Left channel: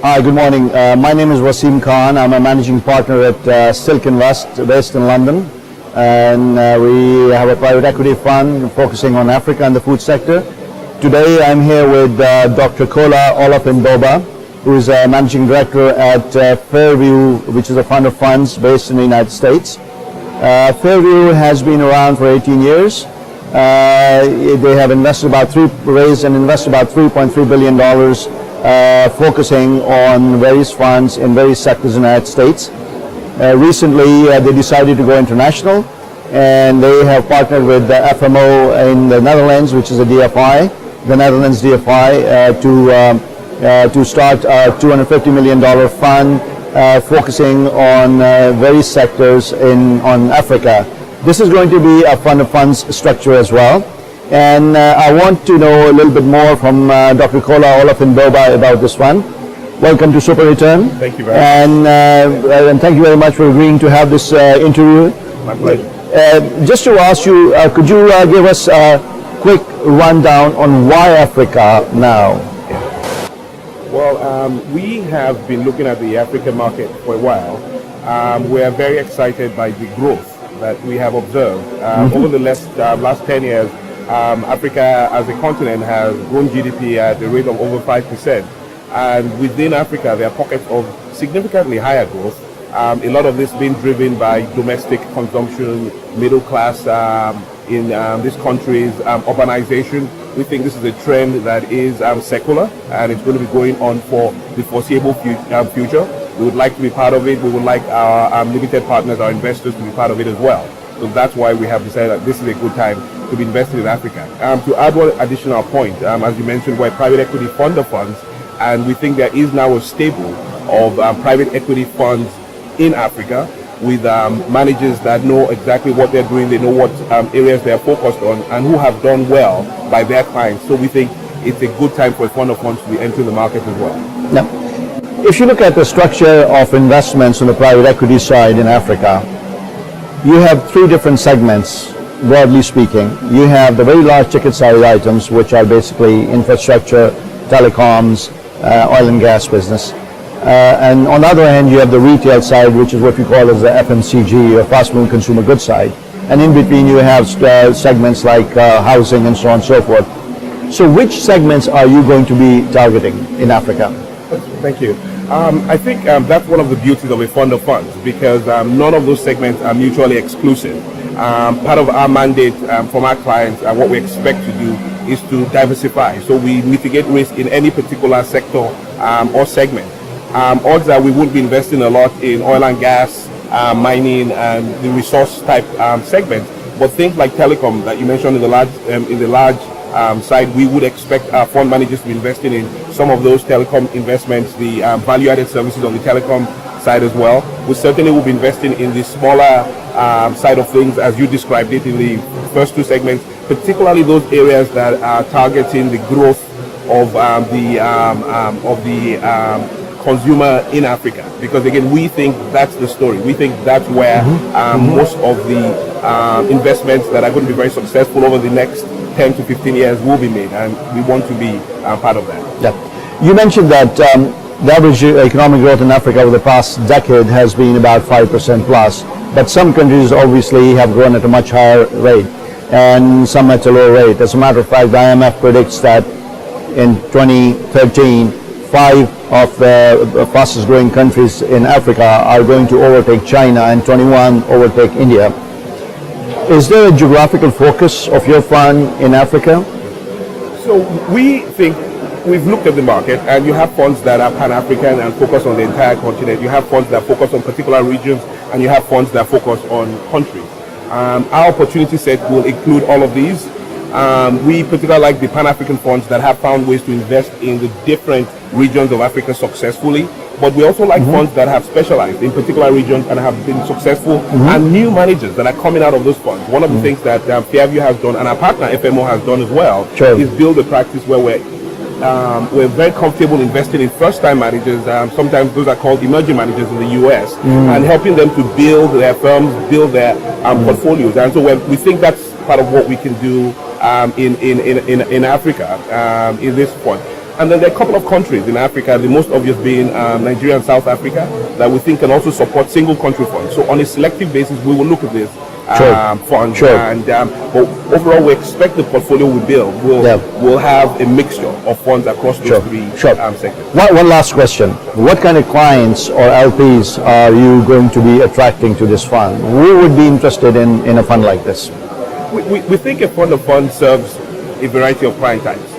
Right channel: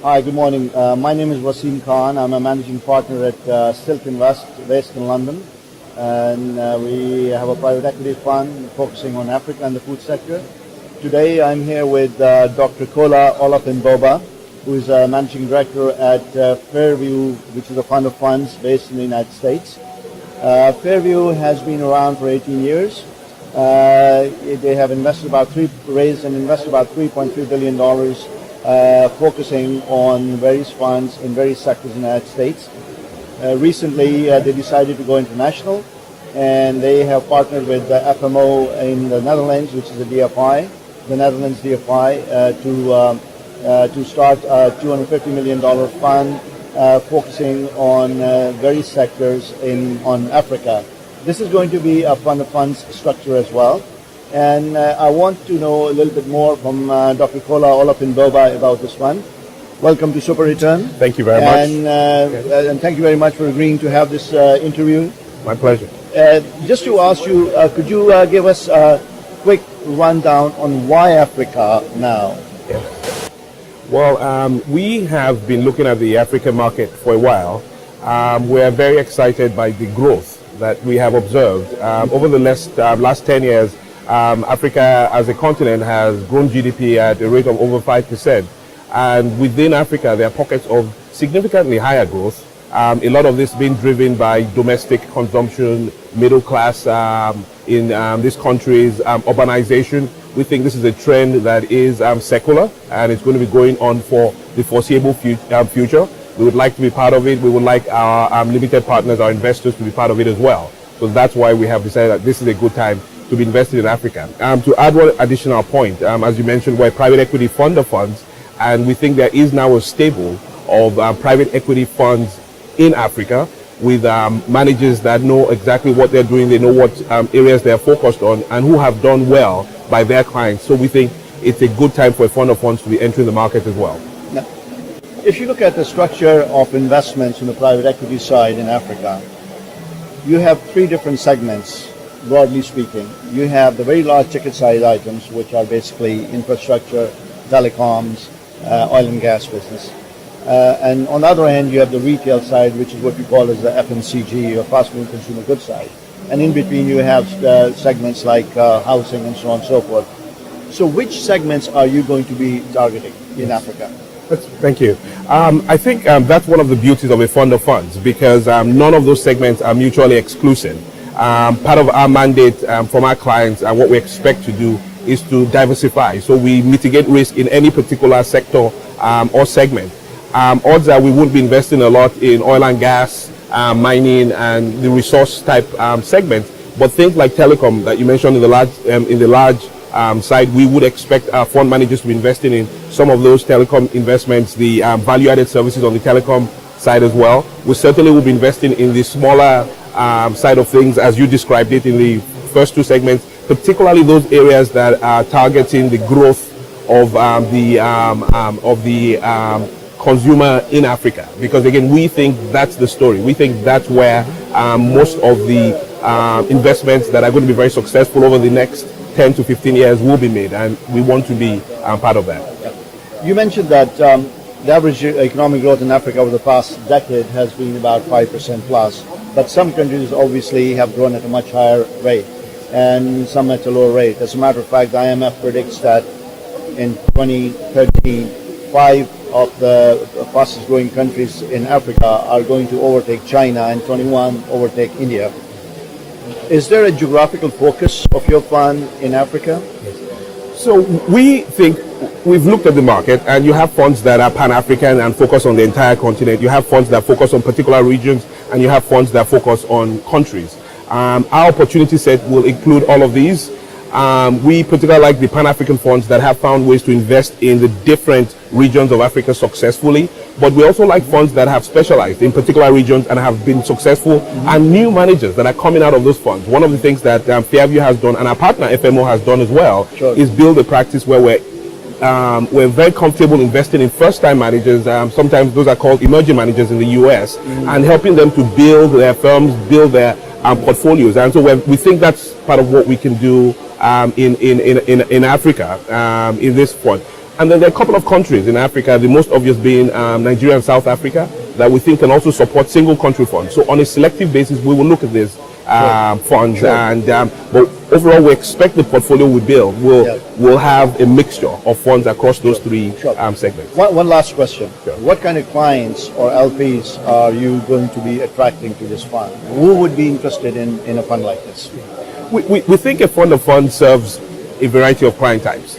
Hi, good morning. My name is Waseem Khan. I'm a managing partner at SilkInvest based in London. And we have a private equity fund focusing on Africa and the food sector. Today I'm here with Dr. Kola Olofinboba, who is a managing director at Fairview, which is a fund of funds based in the United States. Fairview has been around for 18 years. They have raised and invested about $3.3 billion, focusing on various funds in various sectors in the United States. Recently, they decided to go international, and they have partnered with the FMO in the Netherlands, which is a DFI, the Netherlands DFI, to start a $250 million fund focusing on various sectors on Africa. This is going to be a fund of funds structure as well. And I want to know a little bit more from Dr. Kola Olofinboba about this fund. Welcome to SuperReturn. Thank you very much. And thank you very much for agreeing to have this interview. My pleasure. Just to ask you, could you give us a quick rundown on why Africa now? Well, we have been looking at the African market for a while. We're very excited by the growth that we have observed. Over the last 10 years, Africa as a continent has grown GDP at a rate of over 5%. And within Africa, there are pockets of significantly higher growth. A lot of this being driven by domestic consumption, middle class in these countries, urbanization. We think this is a trend that is secular, and it's going to be going on for the foreseeable future. We would like to be part of it. We would like our limited partners, our investors, to be part of it as well. So that's why we have decided that this is a good time to be investing in Africa. To add one additional point, as you mentioned, we're a private equity fund of funds, and we think there is now a stable of private equity funds in Africa with managers that know exactly what they're doing, they know what areas they're focused on, and who have done well by their clients. So we think it's a good time for a fund of funds to be entering the market as well. Now, if you look at the structure of investments on the private equity side in Africa, you have three different segments, broadly speaking. You have the very large ticket size items, which are basically infrastructure, telecoms, oil and gas business. And on the other hand, you have the retail side, which is what we call as the FMCG, or fast-moving consumer goods side. And in between, you have segments like housing and so on and so forth. So which segments are you going to be targeting in Africa? Thank you. I think that's one of the beauties of a fund of funds, because none of those segments are mutually exclusive. Part of our mandate from our clients and what we expect to do is to diversify. So we mitigate risk in any particular sector or segment. Odds are we would be investing a lot in oil and gas, mining, and the resource type segments. But things like telecom that you mentioned in the large side, we would expect our fund managers to be investing in some of those telecom investments, the value-added services on the telecom side as well. We certainly will be investing in the smaller side of things, as you described it in the first two segments, particularly those areas that are targeting the growth of the consumer in Africa. Because again, we think that's the story. We think that's where most of the investments that are going to be very successful over the next 10 to 15 years will be made, and we want to be part of that. Yeah. You mentioned that the average economic growth in Africa over the past decade has been about 5% plus, but some countries obviously have grown at a much higher rate, and some at a lower rate. As a matter of fact, the IMF predicts that in 2013, 5 of the fastest growing countries in Africa are going to overtake China, and 21 overtake India. Is there a geographical focus of your fund in Africa? So we think we've looked at the market, and you have funds that are pan-African and focus on the entire continent. You have funds that focus on particular regions, and you have funds that focus on countries. Our opportunity set will include all of these. We particularly like the Pan-African funds that have found ways to invest in the different regions of Africa successfully, but we also like funds that have specialized in particular regions and have been successful, and new managers that are coming out of those funds. One of the things that Fairview has done, and our partner FMO has done as well, is build a practice where we're very comfortable investing in first-time managers. Sometimes those are called emerging managers in the US, and helping them to build their firms, build their portfolios. And so we think that's part of what we can do in Africa in this point. And then there are a couple of countries in Africa, the most obvious being Nigeria and South Africa, that we think can also support single country funds. So on a selective basis, we will look at this funds. Sure. And but overall, we expect the portfolio we build will have a mixture of funds across those three segments. One last question. What kind of clients or LPs are you going to be attracting to this fund? Who would be interested in a fund like this? We think a fund of funds serves a variety of client types.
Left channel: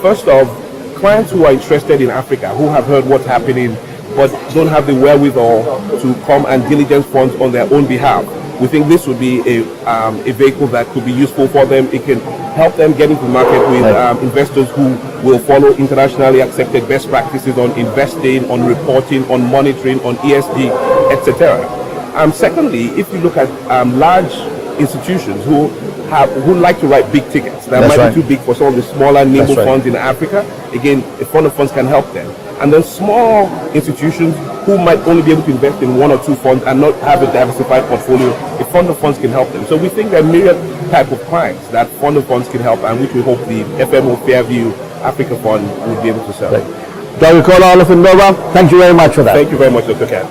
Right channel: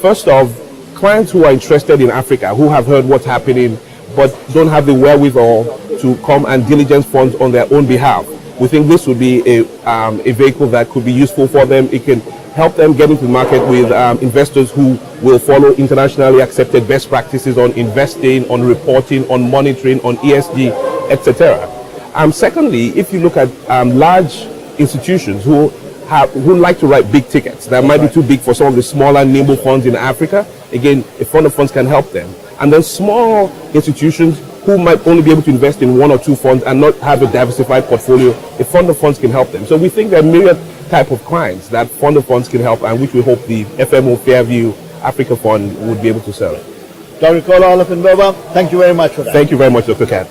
First off, clients who are interested in Africa, who have heard what's happening, but don't have the wherewithal to come and diligence funds on their own behalf. We think this would be a vehicle that could be useful for them. It can help them get into the market with investors who will follow internationally accepted best practices on investing, on reporting, on monitoring, on ESG, etc. Secondly, if you look at large institutions who like to write big tickets that might be too big for some of the smaller nimble funds in Africa, again, a fund of funds can help them. And then small institutions who might only be able to invest in one or two funds and not have a diversified portfolio, a fund of funds can help them. So we think there are myriad type of clients that fund of funds can help, and which we hope the FMO Fairview Africa Fund will be able to serve. Dr. Kola Olofinboba, thank you very much for that. Thank you very much, Dr. Khan.